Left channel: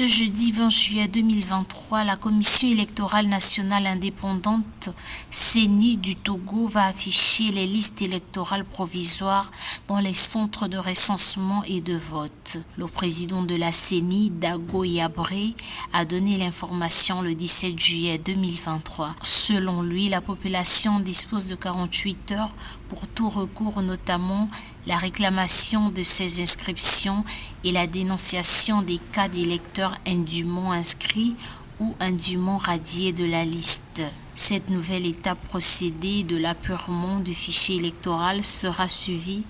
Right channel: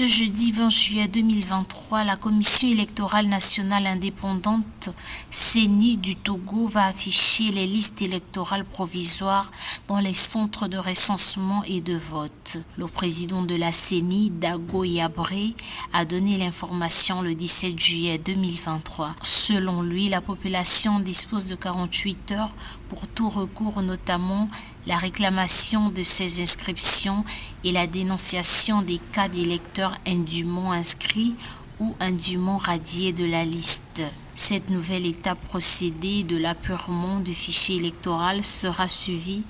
Ce jeudi 20 juillet 2023, la Commission électorale nationale indépendante CENI du Togo va afficher les listes électorales provisoires dans les centres de recensement et de vote. Le président de la CENI, Dago Yabré, a donné l'information le 17 juillet 2023. Selon lui, la population dispose de 48 heures pour tout recours, notamment la réclamation de ces inscriptions et la dénonciation des cas d'électeurs indûment inscrits ou indûment radiés de la liste. Cette nouvelle étape procédée de l'apurement du fichier électoral sera suivie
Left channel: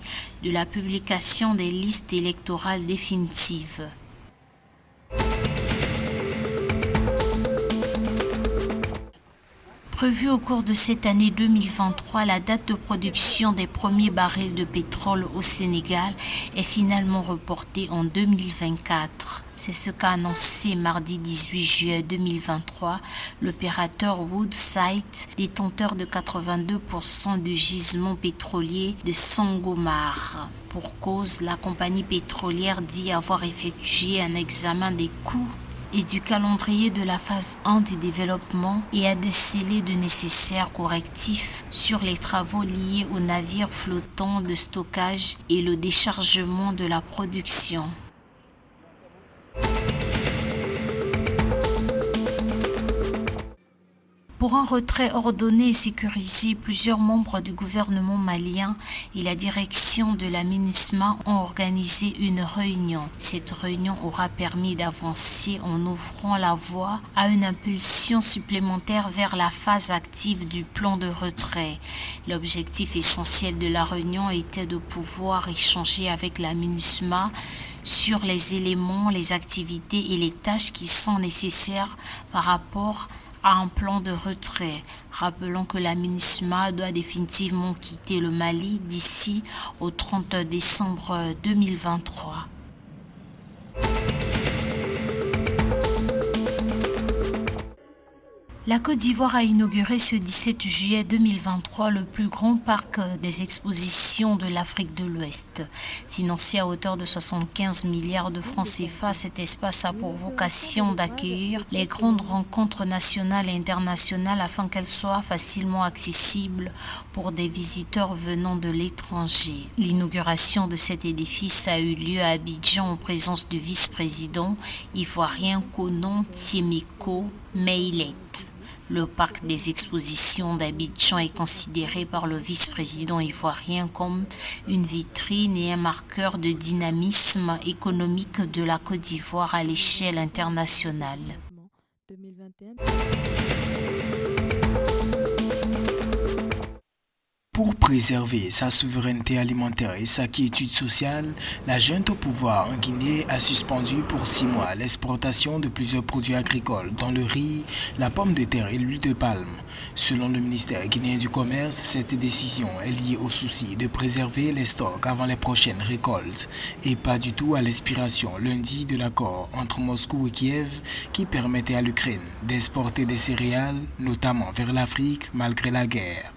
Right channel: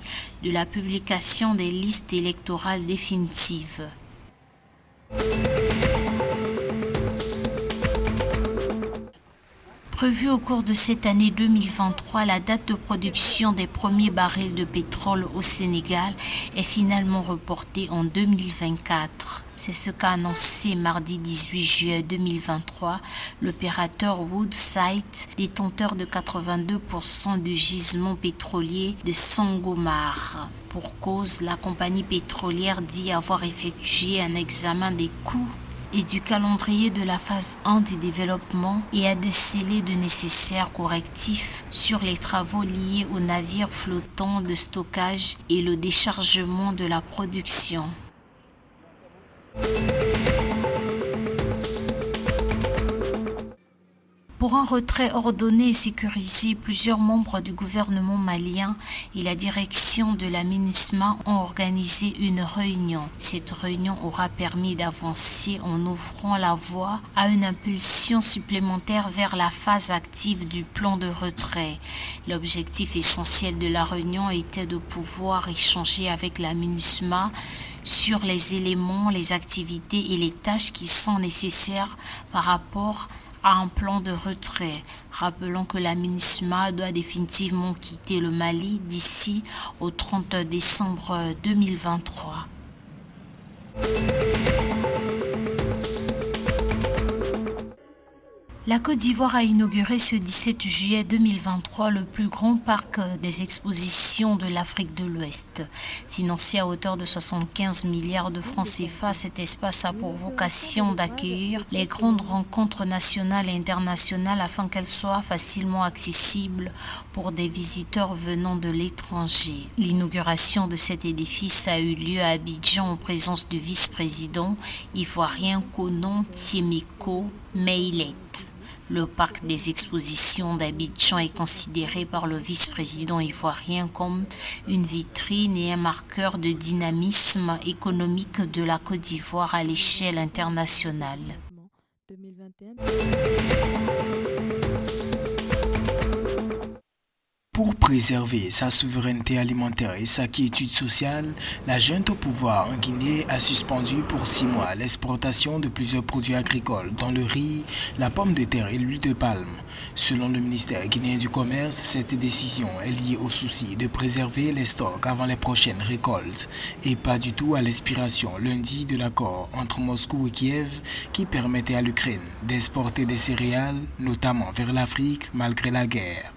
de la publication des listes électorales définitives. Prévue au cours de cette année 2023, la date de production des premiers barils de pétrole au Sénégal est finalement reportée en 2024. C'est ce qu'a annoncé mardi 18 juillet 2023 l'opérateur Woodside, détenteur de 82% du gisement pétrolier de Sangomar. Pour cause, la compagnie pétrolière dit avoir effectué un examen des coûts et du calendrier de la phase 1 du développement et a décelé de nécessaires correctifs sur les travaux liés aux navires flottants de stockage et le déchargement de la production. Pour un retrait ordonné et sécurisé, plusieurs membres du gouvernement malien et la direction de la MINUSMA ont organisé une réunion. Cette réunion aura permis d'avancer en ouvrant la voie à une impulsion supplémentaire vers la phase active du plan de retrait. L'objectif essentiel de la réunion était de pouvoir échanger avec la MINUSMA sur les éléments, les activités et les tâches qui sont nécessaires par rapport à un plan de retrait. Rappelons que la MINUSMA doit définitivement quitter le Mali d'ici au 30 décembre 2023. La Côte d'Ivoire a inauguré ce 17 juillet 2023 le plus grand parc des expositions de l'Afrique de l'Ouest. Financé à hauteur de 75 milliards de francs CFA, cet espace a pour vocation d'accueillir les grandes rencontres nationales et internationales afin qu'elles soient facilement accessibles pour des visiteurs venant de l'étranger. L'inauguration de cet édifice a eu lieu à Abidjan en présence du vice-président ivoirien Konan Tiemeko Meilet. Le parc des expositions d'Abidjan est considéré par le vice-président ivoirien comme une vitrine et un marqueur de dynamisme économique de la Côte d'Ivoire à l'échelle internationale. Pour préserver sa souveraineté alimentaire et sa quiétude sociale, la junte au pouvoir en Guinée a suspendu pour 6 mois l'exportation de plusieurs produits agricoles, dont le riz, la pomme de terre et l'huile de palme. Selon le ministère guinéen du Commerce, cette décision est liée au souci de préserver les stocks avant les prochaines récoltes et pas du tout à l'expiration lundi de l'accord entre Moscou et Kiev qui permettait à l'Ukraine d'exporter des céréales, notamment vers l'Afrique, malgré la guerre.